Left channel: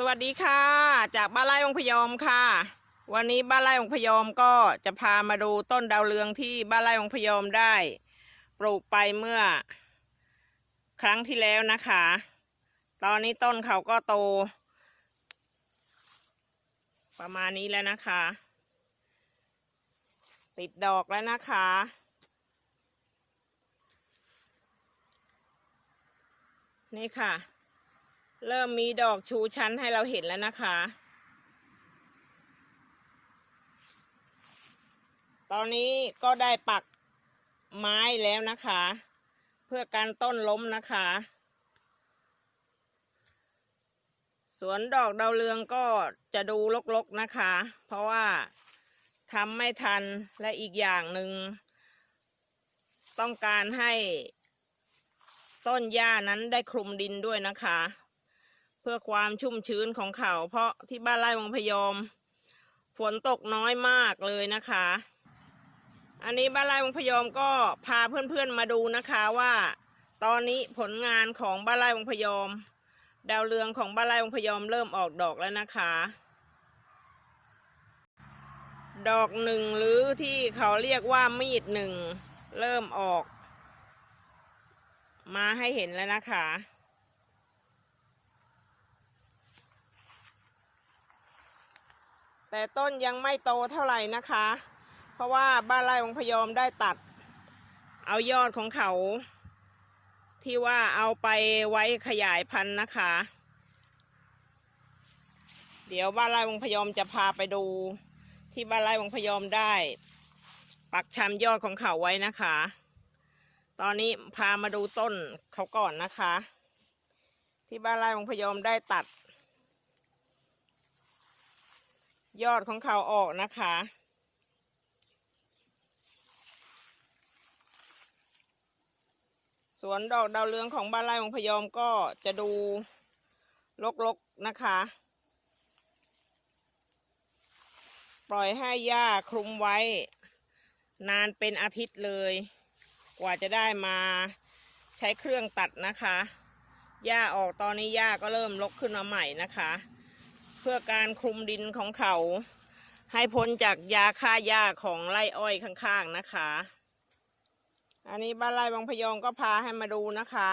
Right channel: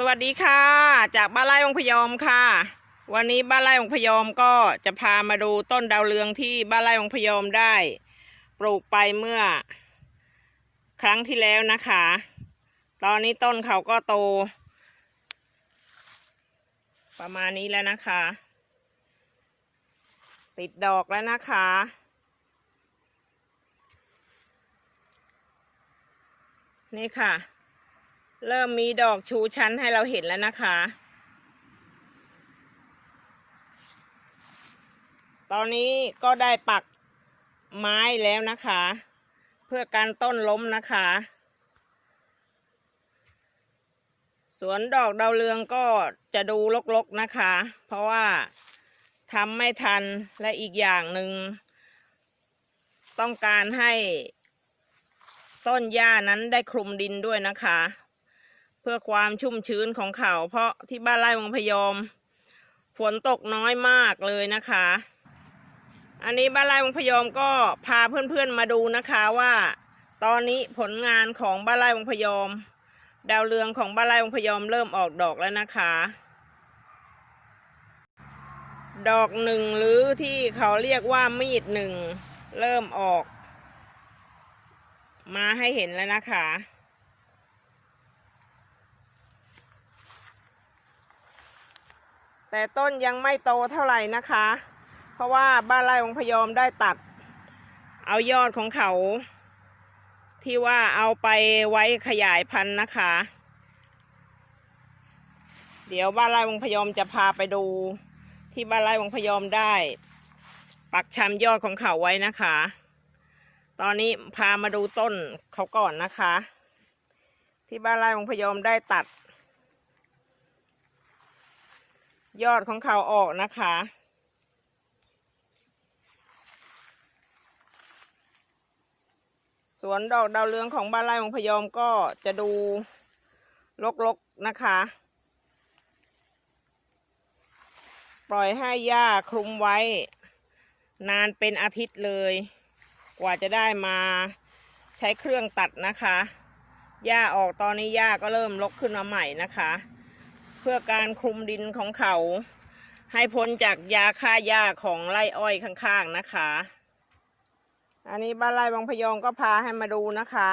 สวัสดีค่ะ จากบ้านไร่องพยอมค่ะ วันนี้บ้านไร่องพยอมก็จะพามาดูต้นดาวเรืองที่บ้านไร่องพยอมได้ ปลูกไปเมื่อ ครั้งที่แล้วนะคะ ตอนนี้ต้นเขาก็โต ประมาณนี้แล้วนะคะ ติดดอกแล้วนะคะนี่ค่ะ เริ่มมีดอกชูชั้นให้เราเห็นแล้วนะคะ ตอนนี้ก็ได้ปักไม้แล้วนะคะ เพื่อการต้นล้มนะคะ สวนดอกดาวเรืองก็จะดูรกๆนะคะ เพราะว่าทำไม่ทันและอีกอย่างหนึ่งต้องการให้ต้นหญ้านั้นได้คลุมดินด้วยนะคะ พื่อความชุ่มชื้นของเขาเพราะที่บ้านไร่วังพยอม ฝนตกน้อยมากเลยนะคะ อันนี้บ้านไร่วังพยอมก็พาเพื่อนๆมาดูนะคะว่า ตอนนี้ผลงานของบ้านไร่วังพยอม ดาวเรืองของบ้านไร่วังพยอมเริ่มออกดอกแล้วนะคะ ดอกหนึ่งหรือที่เขาเรียกว่ามีดหนึ่งเริ่มออก มาให้เห็นแล้วนะคะ แต่ต้นยังไม่โตเท่าไหร่นะคะ เพราะว่าบ้านไร่องพยอมได้ตัด เอายอดของเขา ที่ว่าเอาไปไว้ขยายพันธุ์นะคะ เดี๋ยวบ้านไร่วงพยอมจะพาไปดู ที่บ้านไร่วงพยอมได้ ปักชำยอดของเขาไว้นะคะ ตอนนี้พามาดูต้นเขาก่อนนะคะ ที่บ้านไร่วงพยอมได้ตัด ยอดของเขาออกนะคะ สวนดอกดาวเรืองของบ้านไร่ของพยอมก็จะดูรกๆนะคะ ปล่อยให้หญ้าคลุมไว้ นานเป็นอาทิตย์เลย กว่าจะได้มาใช้เครื่องตัดนะคะหญ้าออกตอนนี้หญ้าก็เริ่มรกขึ้นมาใหม่นะคะ พื่อการคลุมดินของเขา ให้พ้นจากยาฆ่าหญ้าของไร่อ้อยข้างๆนะคะ อันนี้บ้านไร่บางพยอมก็พาให้มาดูนะคะ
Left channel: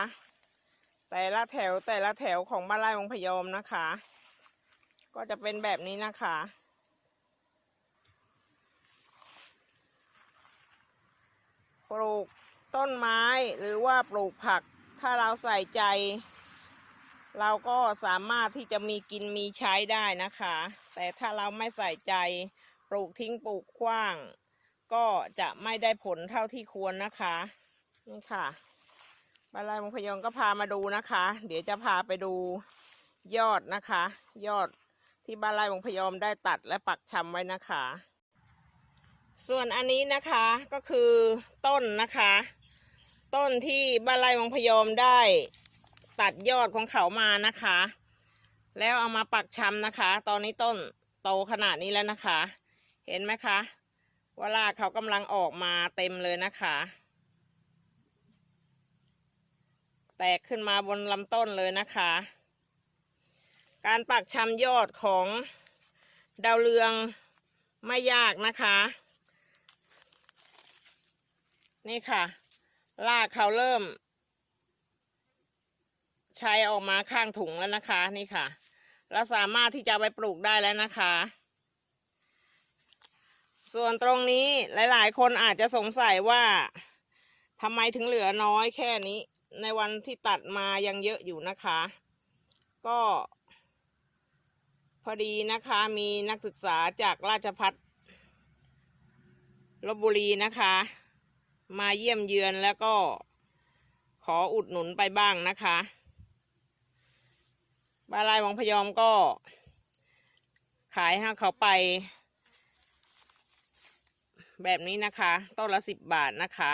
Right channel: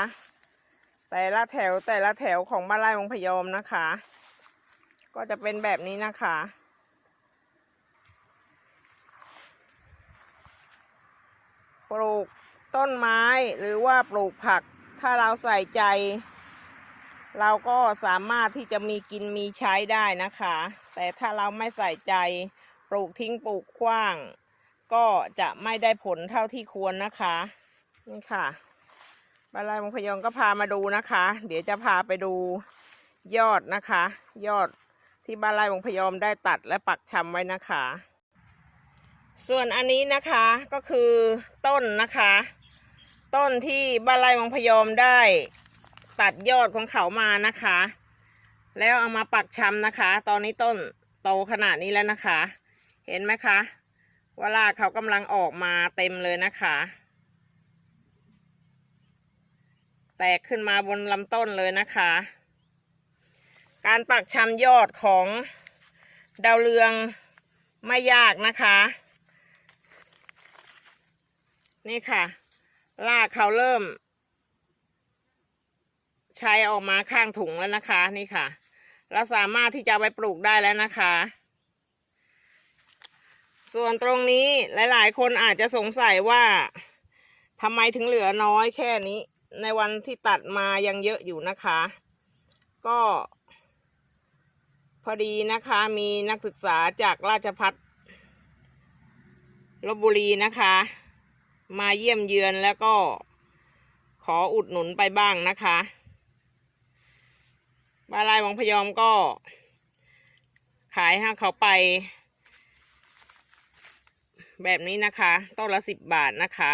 แต่ละแถวแต่ละแถวของบ้านไร่บางพยอมนะคะ ก็จะเป็นแบบนี้นะคะปลูกต้นไม้หรือว่าปลูกผักถ้าเราใส่ใจ เราก็สามารถที่จะมีกินมีใช้ได้นะคะ แต่ถ้าเราไม่ใส่ใจปลูกทิ้งปลูกขว้าง ก็จะไม่ได้ผลเท่าที่ควรนะคะนี่ค่ะบาลายมงพยองก็พามาดูนะคะ เดี๋ยวจะพาไปดูยอดนะคะ ยอดที่บานไร่วงพยอมได้ตัดและปักชำไว้นะคะ ส่วนอันนี้นะคะก็คือต้นนะคะ ต้นที่บานไร่วงพยอมได้ ตัดยอดของเขามานะคะ แล้วเอามาปักชำนะคะ ตอนนี้ต้นโตขนาดนี้แล้วนะคะ เห็นไหมคะว่ารากเขากำลังออกมาเต็มเลยนะคะ แตกขึ้นมาบนลำต้นเลยนะคะ การปักชำยอดของดาวเรืองไม่ยากนะคะ นี่ค่ะรากเขาเริ่ม ใช้ออกมาข้างถุงแล้วนะคะ นี่ค่ะ เราสามารถที่จะไปปลูกได้แล้วนะคะ ส่วนตรงนี้หลายๆ คนอาจจะสงสัยว่าทำไมถึงเหลือน้อยแค่นี้ ในวันที่ตัดมายังเยอะอยู่นะคะ ก็ พอดีนะคะมีนักศึกษาจากราชพัฒลบบุรีนะคะ มาเยี่ยมเยือนแล้วก็ขออุดหนุนไปบ้างนะคะ บาลายวังพยอมก็ ขายให้เขาไป แบบนี้นะคะต้นละสิบบาทนะคะ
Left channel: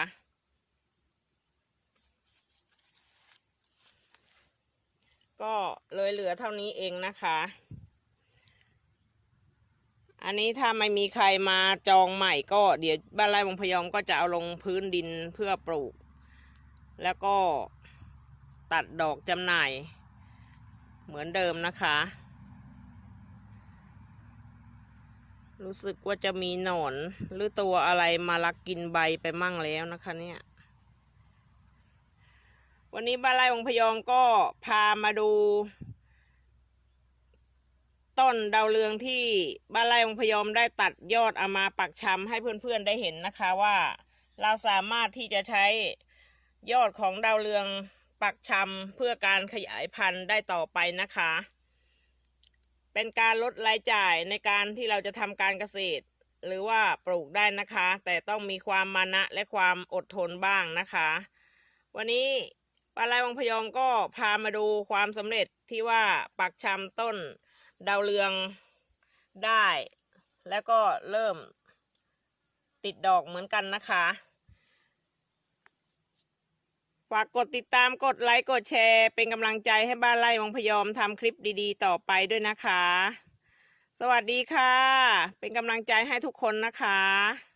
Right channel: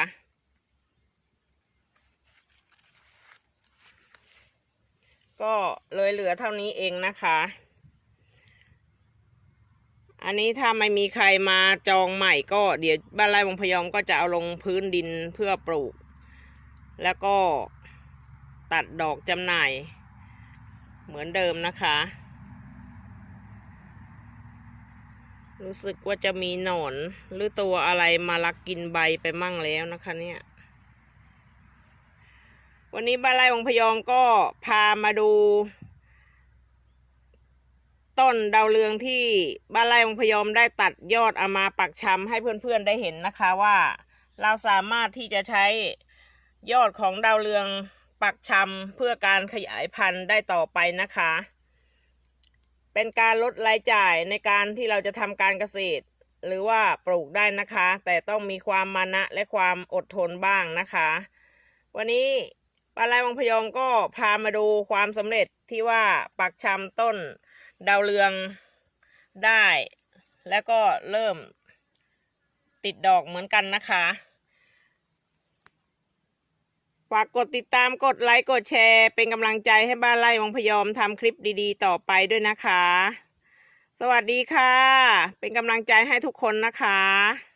ก็เลยเหลือเท่านี้เองนะคะ อันนี้ถ้าไม่มีใครมาจองใหม่ก็เดี๋ยวบ้านไร่วงพยอมก็จะเอาลงพื้นดินเพื่อปลูก แล้วก็ตัดดอกจำหน่าย เหมือนเดิมนะคะ รู้สึกว่าจะมีหนอนหรือตัวอะไรมาลักกินใบไปมั่งแล้วนะคะเนี่ย วันนี้บ้านไร่องพยองก็พามาดู ต้นดาวเรืองที่บ้านไร่องพยอมได้ตัดยอดเอามาปักชำให้เพื่อนๆได้เห็นนะคะว่า เราสามารถที่จะใช้ยอดของดาวเรือง ปักชำเพื่อการขยายพันธุ์ได้ต่อไปนะคะ เป็นการลดรายจ่ายในการที่เราจะทำการเกษตร หรือว่าปลูกได้นะคะ แต่ต้องมีความมานะและความอดทนบ้างนะคะ วันนี้ปลาไหลวังพยอมก็พามาดูความสำเร็จที่ว่าปักชำต้นดาวเรืองได้ แล้วก็เริ่มติดดอกเหมือนกันนะคะ ฝากกดติดตามกดไลค์กดแชร์ เป็นกำลังใจให้บ้านไร่วังพยอมทำคลิปดีๆ ต่อไปด้วยนะคะ สวัสดีค่ะ เป็นกำลังใจให้ทุกคนนะคะ